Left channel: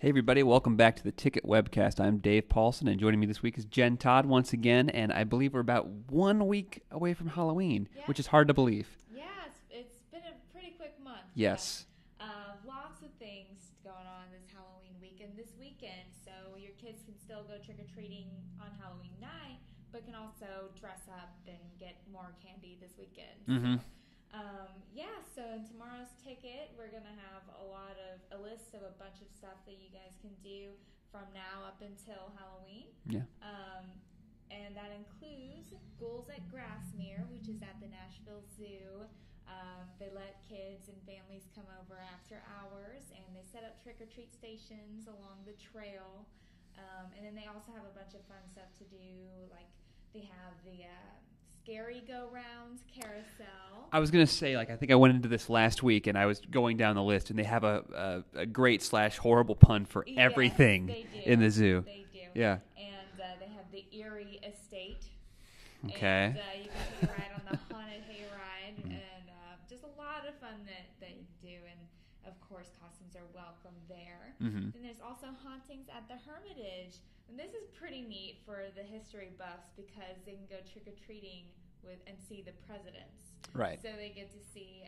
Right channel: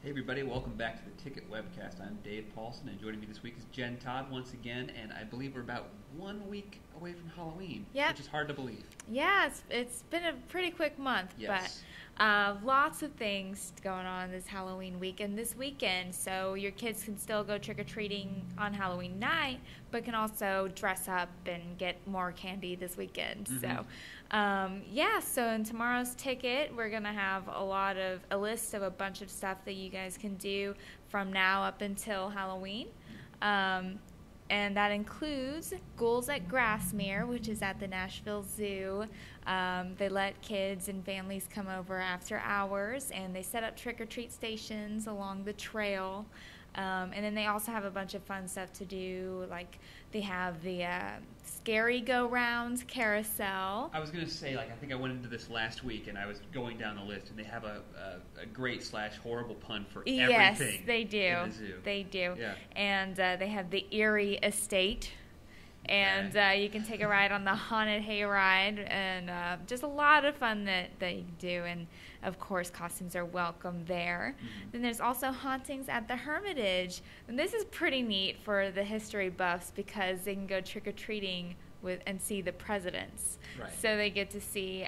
Hey everybody, welcome back to the Ticket Webcast. I'm Dave Paulson, and joining me this week is Jen Todd once again, and I believe we're about 1 week away from Halloween, which is hard to believe. Yeah, it's been a pretty quick month. Yes. But lots of things going on this Halloween week and this weekend, so your kids can still go trick-or-treating on Halloween night, but can also dress up and get more candy this weekend. Mm-hmm. So in tomorrow's ticket, we're going to have a list of a bunch of stuff that you guys can do from now up until Halloween. Yeah. And that includes Ghouls at Grassmere, which is at the Nashville Zoo. They let kids and families come over after hours, and they set up trick-or-treat stations along the trail. And then they also have a bunch of fun stuff to do, like they have the Scary Go-Round carousel. I was going to say, I think I went into this last week, and I was going down the list, and they have a great/horrible pun for everything in the zoo. They do. Yeah. And they have the Erie Estate. Okay. And you can take a ride on the Haunted Hayride, and just a lot of fun that you can do. And, of course, costumes are welcome there. Mm-hmm. Then there's also hauntings at the Hermitage. And this is pretty neat for the history buffs because they can go trick-or-treating and see the presidents. Right. So they get to see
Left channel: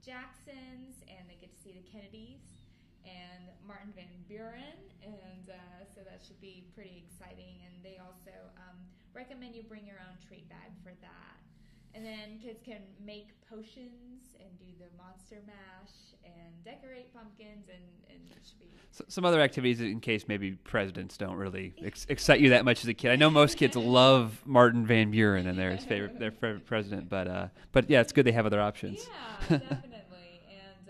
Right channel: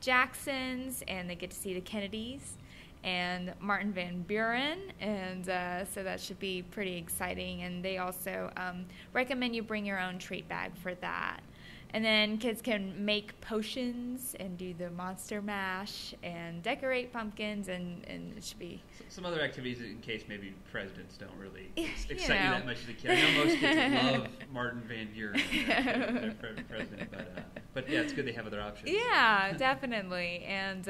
Jacksons, and they get to see the Kennedys and Martin Van Buren, and so that should be pretty exciting. And they also recommend you bring your own treat bag for that. And then kids can make potions and do the monster mash and decorate pumpkins, and it should be... Some other activities in case maybe presidents don't really excite you that much as a kid. I know most kids love Martin Van Buren and their favorite president, but yeah, it's good they have other options. Yeah, definitely. And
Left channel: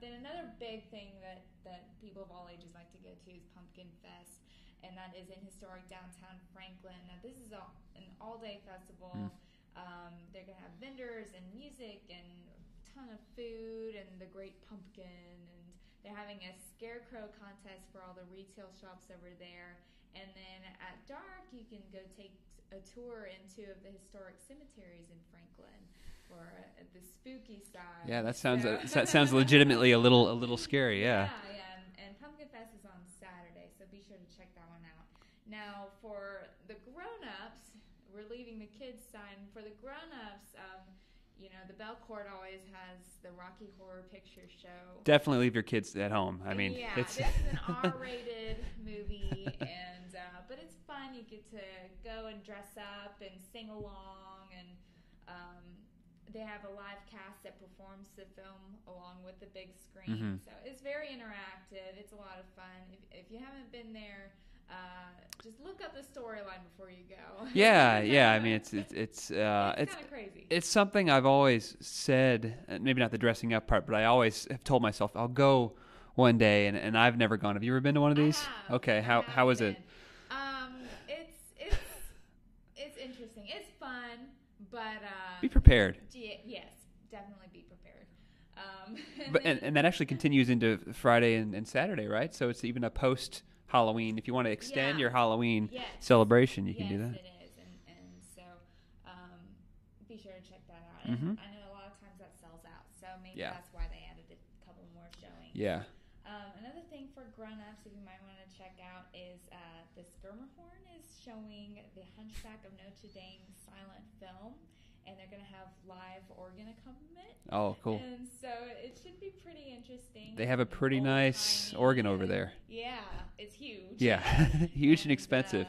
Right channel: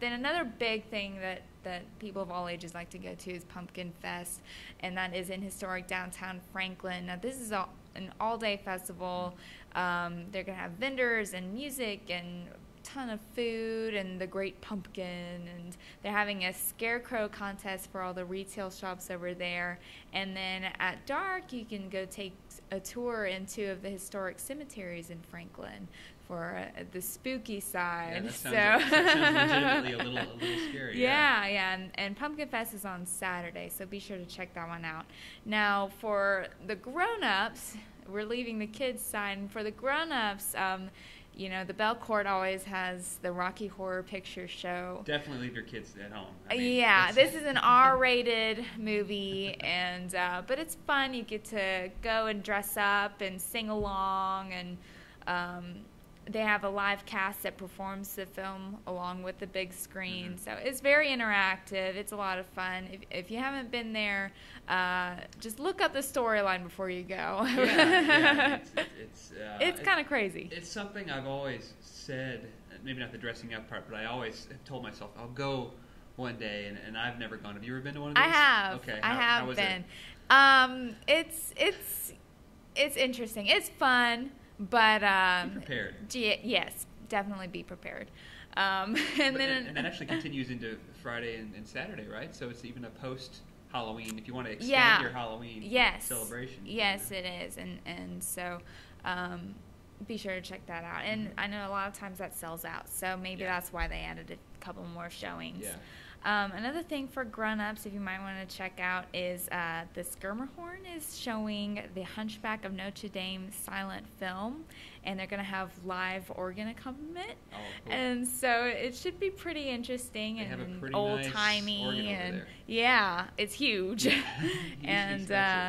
then another big thing that people of all ages like to go to is Pumpkin Fest, and that is in historic downtown Franklin. Now, this is an all-day festival. They're going to have vendors and music and a ton of food and the Great Pumpkin, and they're having a scarecrow contest for all the retail shops over there. And then at dark, you can go take a tour in 2 of the historic cemeteries in Franklin for the spooky side. Yeah, that sounds legitimately a little scary. Yeah. And Pumpkin Fest is on Saturday, so be sure to check that one out. Now, for the grown-ups, we're leaving the kids' side. And for the grown-ups, the Bell Court always has the Rocky Horror Picture Show. Definitely leave your kids at home. This is an R-rated movie, and but it's fun. You get to go and dress up and sing along, and they have a live cast that performs the film along with the big screen. Mm-hmm. So it's very interactive. It's a lot of fun. If you haven't been there, just look up the storyline before you go. Yeah. It's kind of crazy. It's something I've always said, maybe not the dressing up part, but I always have told myself I'll go one day, and I've never gone. Have you ever been to one of these? I have. Okay. How was it? It's interesting. It's fun. But be prepared. Yes, definitely be prepared. And that actually continues into Friday and Saturday, right? So it's even a post-Halloween. If you want to extend your Halloween celebration, you can do that. Yes, it is. And so be sure to check that out. And I know a lot of times that sells out, so maybe that's why they added a couple more showings. Yeah. Another thing for grown-ups, if you might want to check out, is the Skirmahorn is showing the Hunchback of Notre Dame silent film, and they're going to have live organ accompaniment. Oh, cool. And so it should be pretty interesting. They have a pretty nice organ over there. Yeah, it's huge. Yeah, huge and expensive.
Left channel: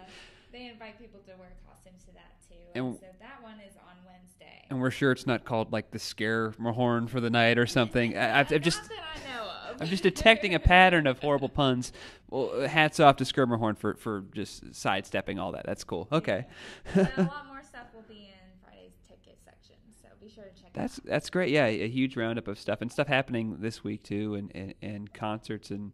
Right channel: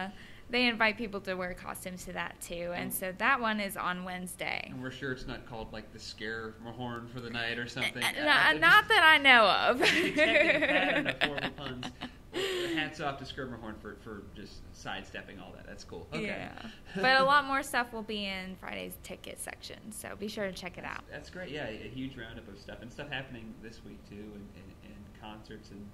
They invite people to wear costumes to that, too. And so that one is on Wednesday. And we're sure it's not called, the Scare-Mahorn for the night or something. Not that I know of. I'm just detecting a pattern of horrible puns. Well, hats off to Skirmahorn for just sidestepping all that. That's cool. Okay. Yeah. But a lot more stuff will be in Friday's ticket section, so be sure to check it out. That's great. Yeah, a huge roundup of stuff. And stuff happening this week, too, and concerts and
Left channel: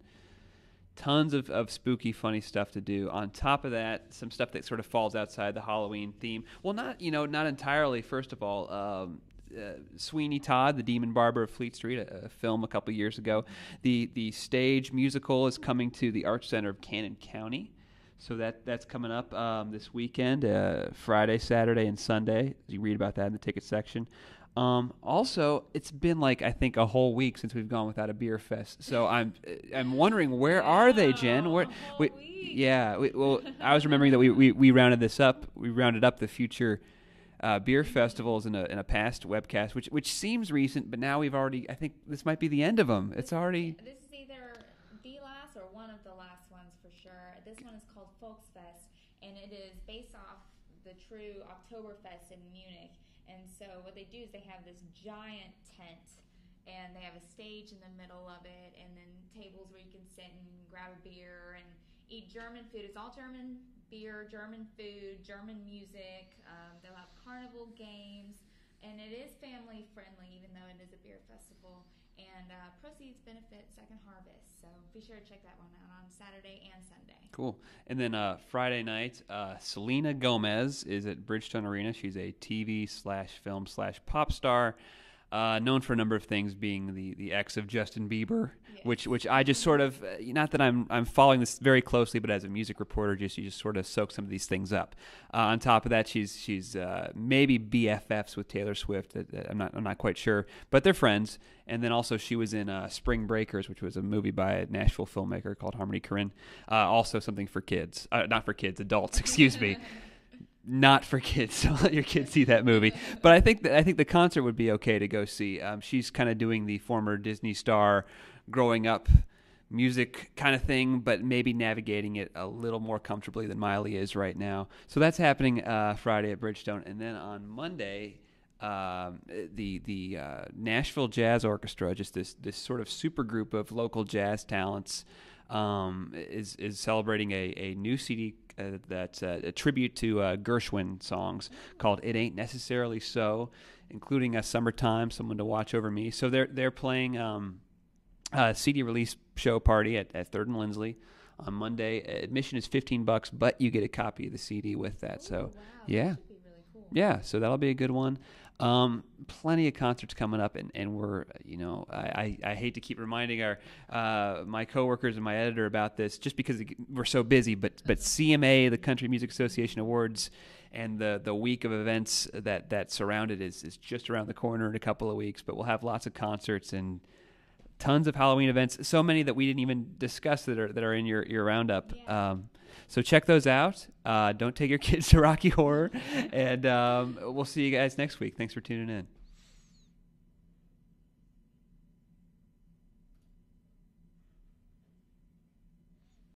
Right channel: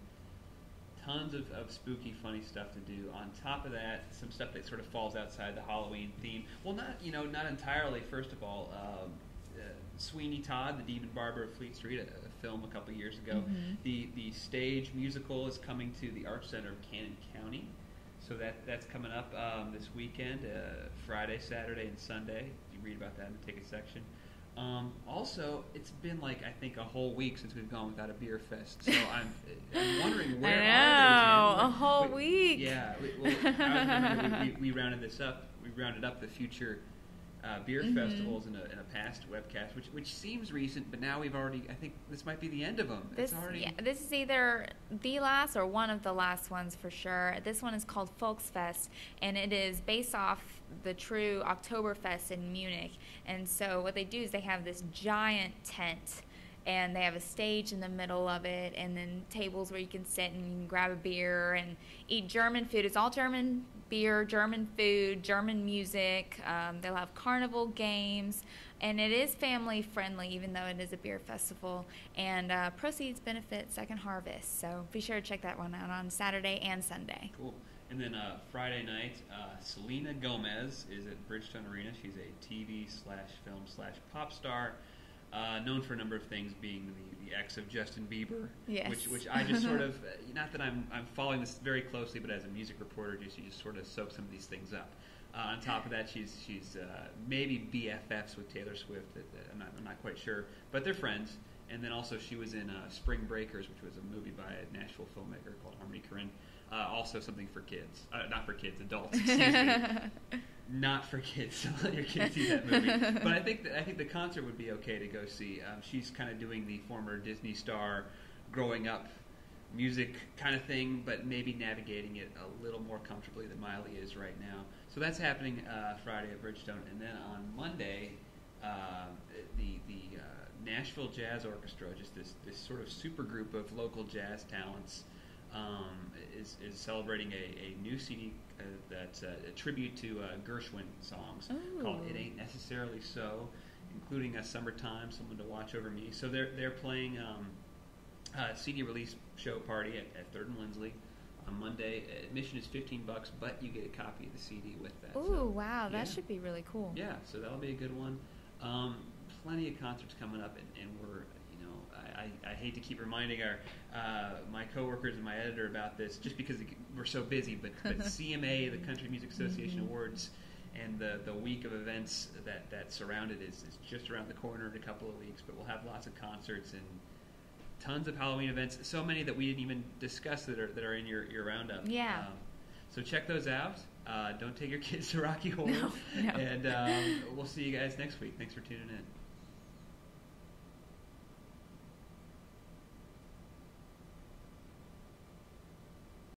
tons of spooky, funny stuff to do. On top of that, some stuff that sort of falls outside the Halloween theme. Well, not entirely. First of all, Sweeney Todd, the Demon Barber of Fleet Street, a film a couple years ago. Mm-hmm. The stage musical is coming to the Arts Center of Cannon County. So that's coming up this weekend, Friday, Saturday, and Sunday. You read about that in the ticket section. Also, it's been like I think a whole week since we've gone without a beer fest. So I'm wondering where are they, Jen? A whole week. Yeah. Well, I was remembering that we rounded this up. We rounded up the future beer festivals in a past webcast, which seems recent, but now we've already. I think this might be the end of them. It's already. Yeah, this is either the last or one of the last ones for sure. This one is called Volksfest, and it is based off the true Oktoberfest in Munich. And so what they do is they have this giant tent, and they have a stage in the middle of it, and then tables where you can sit and you can grab a beer and eat German food. It's all German beer, German food, German music. They'll have carnival games, and it is family friendly, even though it is a beer festival. And proceeds benefit Second Harvest. So be sure to check that one out on Saturday and Sunday. Cool. And then Friday night, Selena Gomez is at Bridgestone Arena. She's a TV/film/pop star, known for a number of things, being the ex of Justin Bieber, Yes. which I just sort of, not that I'm following this very closely, but as a music reporter, you just sort of soak some of these things up. On top of that, she's maybe BFFs with Taylor Swift. I'm not quite sure, but they're friends. And then also she was in Spring Breakers, which was a movie by a Nashville filmmaker called Harmony Korine. Also something for kids, not for kids, adults. Excuse me, not for kids. Don't let your kids see that movie. But I think the concert would be okay to go see. She's kind of doing the former Disney star, growing up music kind of thing, but maybe navigating it a little more comfortably than Miley is right now. So that's happening Friday at Bridgestone, and then on Monday. The Nashville Jazz Orchestra, just this sort of super group of local jazz talents, is celebrating a new CD that's a tribute to Gershwin songs called "It Ain't Necessarily So," including "Summertime," "Someone to Watch Over Me." So they're playing a CD release show party at 3rd and Lindsley on Monday. Admission is $15, but you get a copy of the CD with that. Ooh, so wow, yeah. that should be really cool. Yeah, so that'll be a good one. Plenty of concerts coming up, and we're, I hate to keep reminding my coworkers and my editor about this just because we're so busy, but CMA, the Country Music Association Awards, and the week of events that surround it is just around the corner in a couple of weeks. But we'll have lots of concerts and tons of Halloween events, so many that we didn't even discuss that are in your roundup. Yeah. So check those out. Don't take your kids to Rocky Horror. No. And we'll see you guys next week. Thanks for tuning in.